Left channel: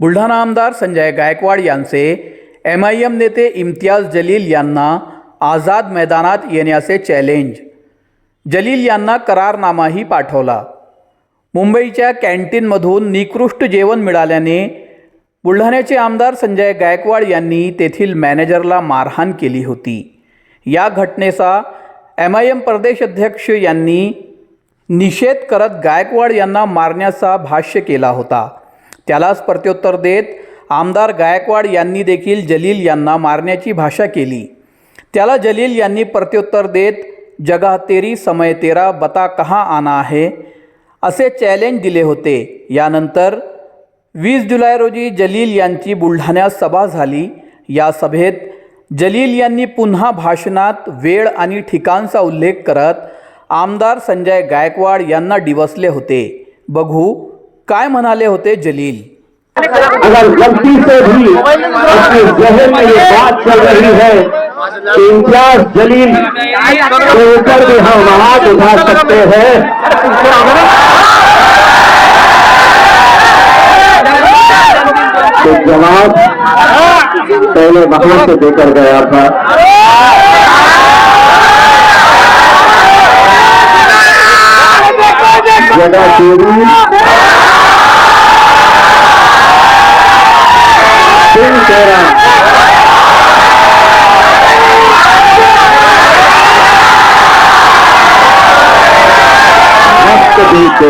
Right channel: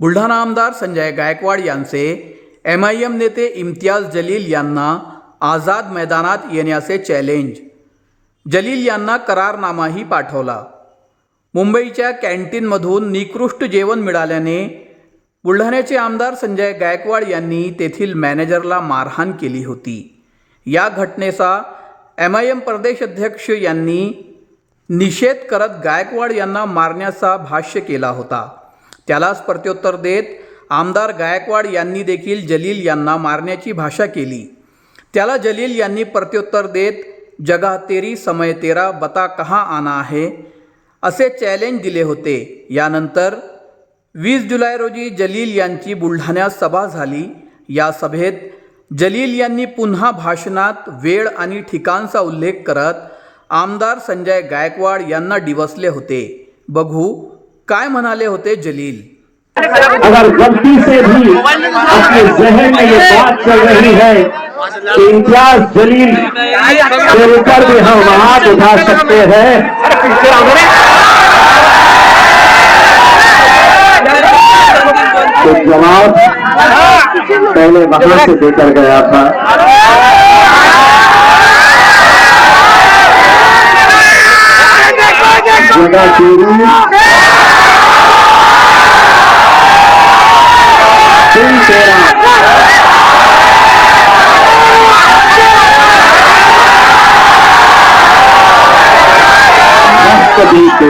बुलढाणा आमदार संजय गायकवाड यांचे M I am नेते इम्तियाज जलील यांना आझाद मैदानात येण्याचे चॅलेंज जलील यांना करारनामाही पाठवला. मुंबईच्या कॅन्टीनमधून निकृष्ट जेवण मिळाल्याने बुलढाण्याचे आमदार संजय गायकवाड यांनी तेथील मॅनेजरला मारहाण केली होती. या घटनेचा एम आय एम प्रदेश अध्यक्ष यांनी निषेध करत गायकवाड यांना मारण्याचा भाष्य केला होता. त्यालाच प्रत्युत्तर देत आमदार गायकवाड यांनी देखील जलील यांना मारण्याची भाषा केली. त्याला जलील यांनी प्रत्युत्तर देत जगा तेरी समय तेरा बता कहाँ आना आहे असे चॅलेंज दिले होते. यानंतर वीस जुलै रोजी जलील यांची बुलढाण्यात सभा झाली. या सभेत जलील यांनी पुन्हा भाषणात वेळ आणि ठिकाणचा उल्लेख करत आमदार संजय गायकवाड यांना डिवसले होते. बघू काय म्हणाले होते जलील? अगर गलती से भी आपके जहन में ये बात चल रही है कि इम्तियाज़ जलील लेकर भी हम हाथ उठा सकते हैं। तो जवाब पहले वहाँ से देकर गया था। जगह चोरी। मस्त भी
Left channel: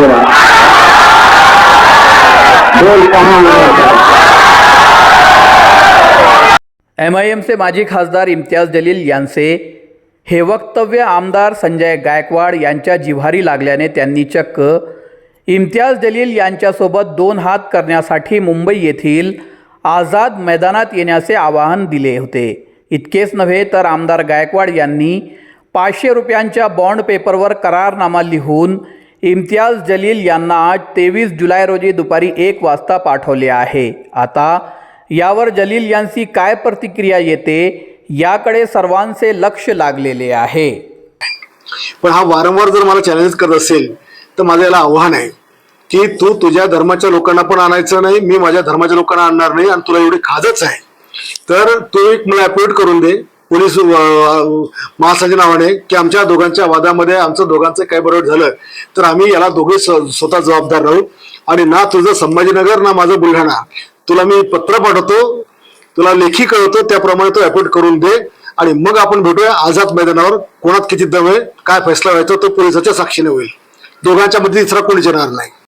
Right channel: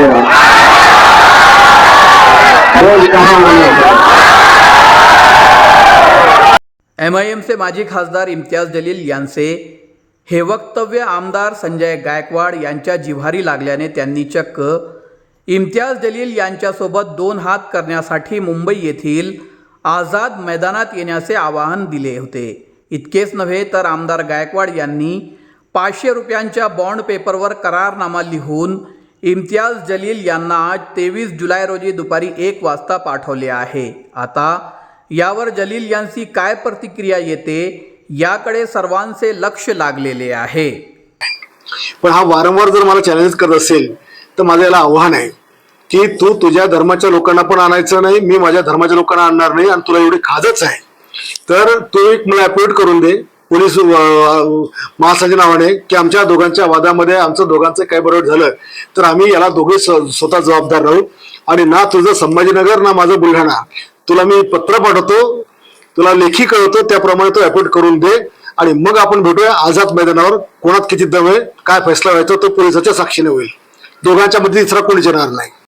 एम माजी खासदार इम्तियाज जलील यांचे हे वक्तव्य आमदार संजय गायकवाड यांच्या जिव्हारी लागल्याने त्यांनी चक्क इम्तियाज जलील यांच्यासोबत दोन हात करण्यासाठी मुंबई येथील आझाद मैदानात येण्याचे आवाहन दिले होते. इतकेच नव्हे तर आमदार गायकवाड यांनी पाचशे रुपयांच्या बॉन्ड पेपरवर करारनामा लिहून इम्तियाज जलील यांना आज तेवीस जुलै रोजी दुपारी एक वाजता पाठवले आहे. आता यावर जलील यांची काय प्रतिक्रिया येते याकडे सर्वांचे लक्ष लागलेले आहे. पण हा वारंवार जर मला चॅलेंज करत असेल तर माझं याला आव्हान आहे की तू तुझ्या धर्माच्या लोकांना पण आणायचं नाही मी माझ्या धर्माच्या लोकांना आणणार नाही आणि तुला एवढी खाजच आहे. तर तू एक मला अपॉइंट करून दे पोलीस महासाच्या नावाने की आमच्या दोघांच्या वादामध्ये आमचं दोघांचं काय बरोबर झालं तर आम्ही याला दोघे स्वतः जबाबदार राहू. आणि ना तुझं संभाजीनगर ना माझं बुलढाणा. तुला मी पत्र पाठवतो तुला लेखी कळवतो त्याप्रमाणे तो अपॉइंट करून दे. आणि मग आपण भेटूया आझाद मैदानावर. कोणात किती दम आहे काय फैसला व्हायचा तो पोलिसाच्या साक्षीने होईल. दोघांच्या मध्ये तिसरा कोणी येणार नाही.